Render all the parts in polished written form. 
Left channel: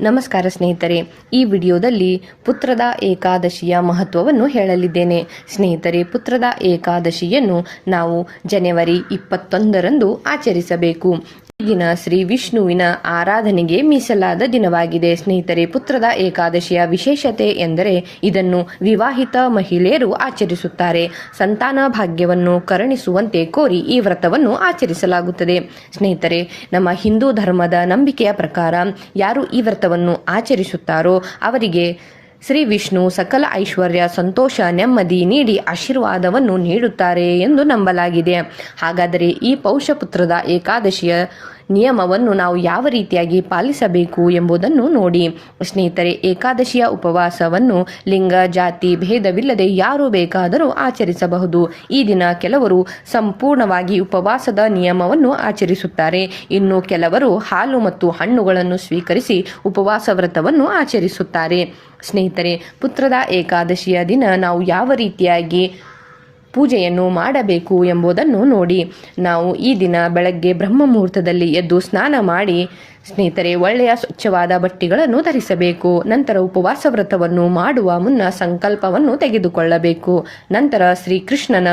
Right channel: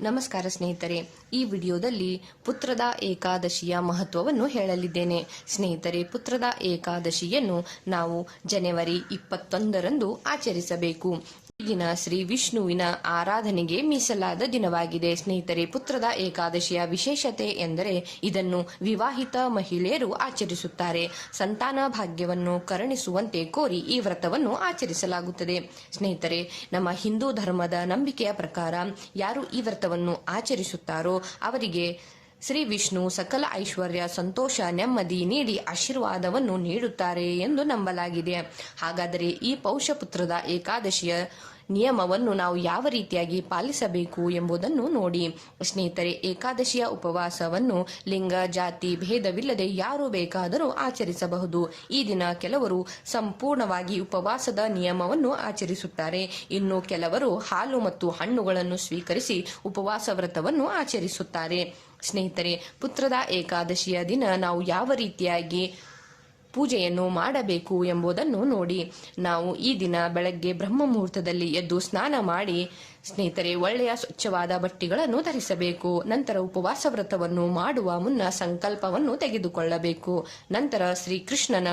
ನಮಸ್ಕಾರ ಸ್ನೇಹಿತರೆ, ಈ ವಿಡಿಯೋದಲ್ಲಿ ಪುತ್ರದ ಏಕಾದಶಿಯ ಮಹತ್ವವನ್ನು ಹೇಳಲಿದ್ದೇನೆ. ಸ್ನೇಹಿತರೆ, ಪುತ್ರದ ಏಕಾದಶಿಯನ್ನು ನಾವು ಜನವರಿ 21ರಂದು ಆಚರಿಸಬೇಕು. ಈ ದಿನ ಶ್ರೀ ವಿಷ್ಣುವಿನ ಆರಾಧನೆಗೆ ಮೀಸಲಾದ ದಿನವಾಗಿದೆ. ಸ್ನೇಹಿತರೆ, ಪುತ್ರದ ಏಕಾದಶಿಯ ವಿಶೇಷತೆ ಎಂದರೆ ಇದನ್ನು ವಿವಾಹಿತ ಮಹಿಳೆಯರು ಆಚರಿಸುತ್ತಾರೆ. ಸಂತಾನ ಭಾಗ್ಯವನ್ನು ಕರುಣಿಸುವಂತೆ ಕೋರಿ ಈ ವ್ರತವನ್ನು ಆಚರಿಸಲಾಗುತ್ತದೆ. ಸ್ನೇಹಿತರೆ, ನಮ್ಮ ಹಿಂದೂ ಧರ್ಮದ ನಂಬಿಕೆಯ ಪ್ರಕಾರ ಯಾರು ಈ ವ್ರತವನ್ನು ಆಚರಿಸುತ್ತಾರೋ ಅವರಿಗೆ ಶ್ರೀ ವಿಷ್ಣು ಸಕಲ ಐಶ್ವರ್ಯ, ಸಂತೋಷ, ನೆಮ್ಮದಿ ನೀಡಿ ಆಶೀರ್ವಾದವನ್ನು ನೀಡುತ್ತಾರೆ ಎಂದು ನಂಬಲಾಗಿದೆ. ಹಾಗಾದರೆ ಈ ಪೌಷಪುತ್ರದ ಏಕಾದಶಿಯ ನಿಯಮವನ್ನು ನಾವು ಯಾವ ರೀತಿಯಾಗಿ ಪಾಲಿಸಬೇಕು ಎಂಬುದನ್ನು ನೋಡಿ. ಸ್ನೇಹಿತರೆ, ಏಕಾದಶಿಯ ಉಪವಾಸವನ್ನು ಲಿಂಗ ಜಾತಿ ಭೇದವಿಲ್ಲದೆ ಯಾರು ಬೇಕಾದರೂ ಆಚರಿಸಬಹುದು. ಈ ದಿನ ಕೆಲವರು ಸಂಪೂರ್ಣವಾಗಿ ಉಪವಾಸದ ನಿಯಮವನ್ನು ಆಚರಿಸುತ್ತಾರೆ. ಇನ್ನು ಕೆಲವರು ಹಾಲು ಮತ್ತು ಹಣ್ಣುಗಳನ್ನು ಸ್ವೀಕರಿಸಿ ಉಪವಾಸ ವ್ರತವನ್ನು ಆಚರಿಸುತ್ತಾರೆ. ಸ್ನೇಹಿತರೆ, ಪುತ್ರದ ಏಕಾದಶಿಯ ದಿನ ನಾವು ಯಾವ ರೀತಿಯಾಗಿ ಪೂಜೆಯನ್ನು ಮಾಡಬೇಕು ಎಂಬುದನ್ನು ನೋಡಿ. ನಾವು ಈ ದಿನ ಬೆಳಗ್ಗೆ ಬ್ರಹ್ಮ ಮುಹೂರ್ತದಲ್ಲಿ ಎದ್ದು ಸ್ನಾನ ಮಾಡಿ ಸ್ನೇಹಿತರೆ ಒಳ್ಳೆಯ ಸ್ವಚ್ಛವಾದ ಬಟ್ಟೆಗಳನ್ನು ಧರಿಸಬೇಕು. ನಂತರ ಉಪವಾಸ ವ್ರತವನ್ನು ಮಾಡುವ ಮುನ್ನ ಸಂಕಲ್ಪವನ್ನು ತೆಗೆದುಕೊಳ್ಳಬೇಕು. ನಂತರ ಶ್ರೀಕೃಷ್ಣನ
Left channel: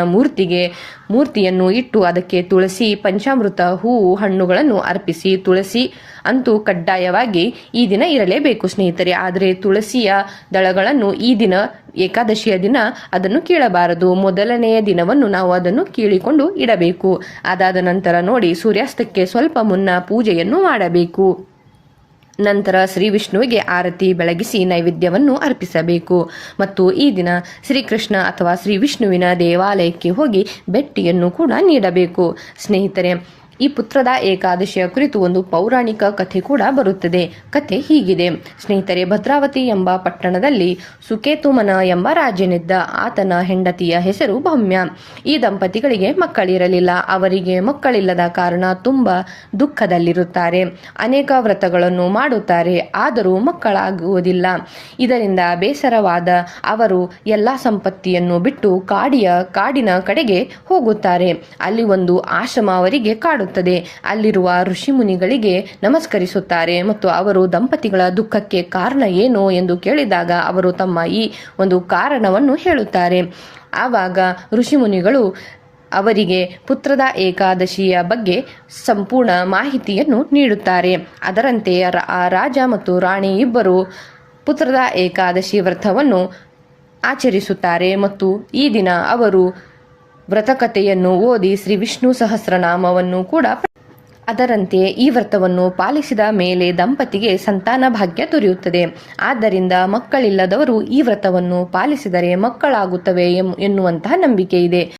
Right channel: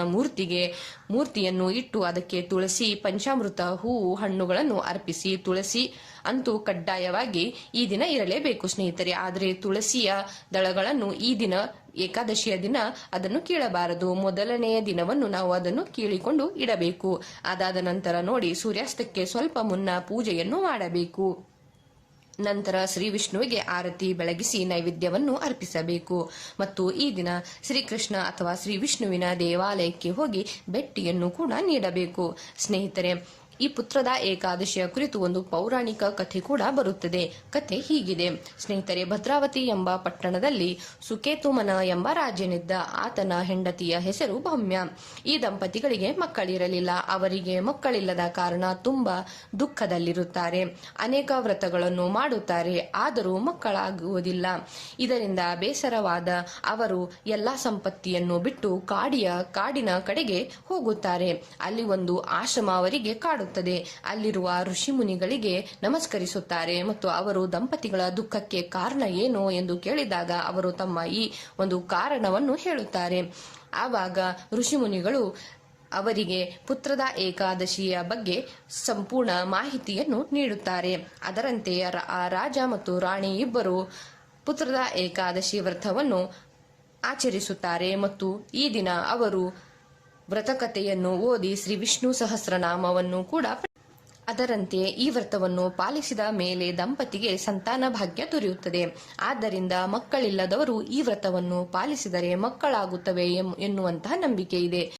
ಮೂರ್ತಿಯನ್ನು ಇಟ್ಟು ಅದಕ್ಕೆ ತುಳಸಿ, ಪಂಚಾಮೃತ, ಹೂವು, ಹಣ್ಣುಗಳನ್ನು ಅರ್ಪಿಸಿ, ತುಳಸಿ ಅಂತೂ ಕಡ್ಡಾಯವಾಗಿ ಈ ದಿನ ಇರಲೇಬೇಕು ಸ್ನೇಹಿತರೆ. ಆದರೆ ತುಳಸಿಯ ದಳಗಳನ್ನು ಈ ದಿನ ಏಕಾದಶಿಯ ದಿನ ಅದನ್ನು ಕೀಳಬಾರದು. ಮೊದಲನೆಯ ದಿನವನ್ನು ನಾವು ಅದನ್ನು ಕೀಳಿಕೊಂಡು ಇಡಬೇಕು. ಅದಾದ ನಂತರ ನೋಡಿ ಸೂರ್ಯಾಸ್ತಕ್ಕೆ ಸ್ವಲ್ಪ ಮುನ್ನ ಪೂಜೆಯನ್ನು ಮಾಡಬೇಕು. ನಂತರ ಶ್ರೀ ವಿಷ್ಣುವಿಗೆ ಆರತಿ ಬೆಳಗಿಸಿ ನೈವೇದ್ಯವನ್ನು ಅರ್ಪಿಸಬೇಕು. ಮತ್ತು ಈ ದಿನ ಶ್ರೀಕೃಷ್ಣ ಅಥವಾ ಶ್ರೀ ವಿಷ್ಣುವಿನ ದೇವಾಲಯಕ್ಕೆ ಹೋಗಿ ಭೇಟಿಯನ್ನು ಕೂಡ ನೀಡಬೇಕು. ಸ್ನೇಹಿತರೆ, ಈ ಪುತ್ರದ ಏಕಾದಶಿಯ ಕುರಿತು ಒಂದು ಪೌರಾಣಿಕ ಕಥೆ ಕೂಡ ಬರುತ್ತದೆ. ಕಥೆ ಹೀಗಿದೆ ಸ್ನೇಹಿತರೆ. ಭದ್ರಾವತಿ ಎಂಬ ಪಟ್ಟಣದಲ್ಲಿ ಸುಕೇತುಮನ ಎಂಬ ರಾಜನಿದ್ದ. ಆತನ ಹೆಂಡತಿಯ ಹೆಸರು ಭೌಮ್ಯ. ಈ ದಂಪತಿಗಳಿಗೆ ಮಕ್ಕಳಿರಲಿಲ್ಲ. ಅವರಿಗೆ ಮಕ್ಕಳಿಲ್ಲದ ಕಾರಣ ತುಂಬ ದುಃಖದಲ್ಲಿರುತ್ತಾರೆ. ಅನೇಕ ವ್ರತಗಳನ್ನು ಮಾಡುತ್ತಾರೆ, ಆದರೂ ಮಕ್ಕಳಾಗುವುದಿಲ್ಲ. ಇದರಿಂದ ಬೇಸರವಾದ ಅವರು ಎಲ್ಲ ಸಂಪತ್ತಿಯನ್ನು ಬಿಟ್ಟು ಕಾಡಿನ ಕಡೆಗೆ ಹೋಗುತ್ತಾರೆ. ಅಲ್ಲಿ ಒಂದು ಆಶ್ರಮ ಅವರಿಗೆ ಕಾಡುತ್ತದೆ. ಅಲ್ಲಿರುವ ಋಷಿ ಮುನಿಗಳಿಗೆ ನಮಸ್ಕರಿಸುತ್ತಾರೆ ಮತ್ತು ಅವರು ದಂಪತಿಗಳ ದುಃಖಕ್ಕೆ ಕಾರಣ ಏನು ಎಂದು ಕೇಳಿದಾಗ ಅವರು ತಮ್ಮ ಈ ಒಂದು ಕಾರಣವನ್ನು ಹೇಳುತ್ತಾರೆ. ಆವಾಗ ಋಷಿ ಮುನಿಗಳು ಅವರಿಗೆ ಪುತ್ರದ ಏಕಾದಶಿಯ ಬಗ್ಗೆ ಸಂಪೂರ್ಣ ಮಾಹಿತಿಯನ್ನು ನೀಡುತ್ತಾರೆ. ಅದರಂತೆ ರಾಜ ಮತ್ತು ರಾಣಿ ಇಬ್ಬರು ಪುತ್ರದ ಏಕಾದಶಿ ವ್ರತವನ್ನು ಆಚರಿಸುತ್ತಾರೆ ಮತ್ತು ಈ ದಿನ ಅವರು ವ್ರತಕಥೆಯನ್ನು ಓದಿ ಶ್ರೀ ವಿಷ್ಣು ಸಹಸ್ರನಾಮವನ್ನು ಕೂಡ ಅದರಂತೆ ಈ ವ್ರತವನ್ನು ಪಾಲಿಸಿದ ಮೇಲೆ ದಂಪತಿಗೆ ಸಂತಾನ ಭಾಗ್ಯ ದೊರೆಯುತ್ತದೆ. ಆದ್ದರಿಂದ ಮಕ್ಕಳಿಲ್ಲದವರು ಈ ವ್ರತವನ್ನು ಪಾಲಿಸಿದರೆ ಮಕ್ಕಳಾಗುತ್ತವೆ ಎನ್ನುವಂತಹ ನಂಬಿಕೆ ಇದೆ.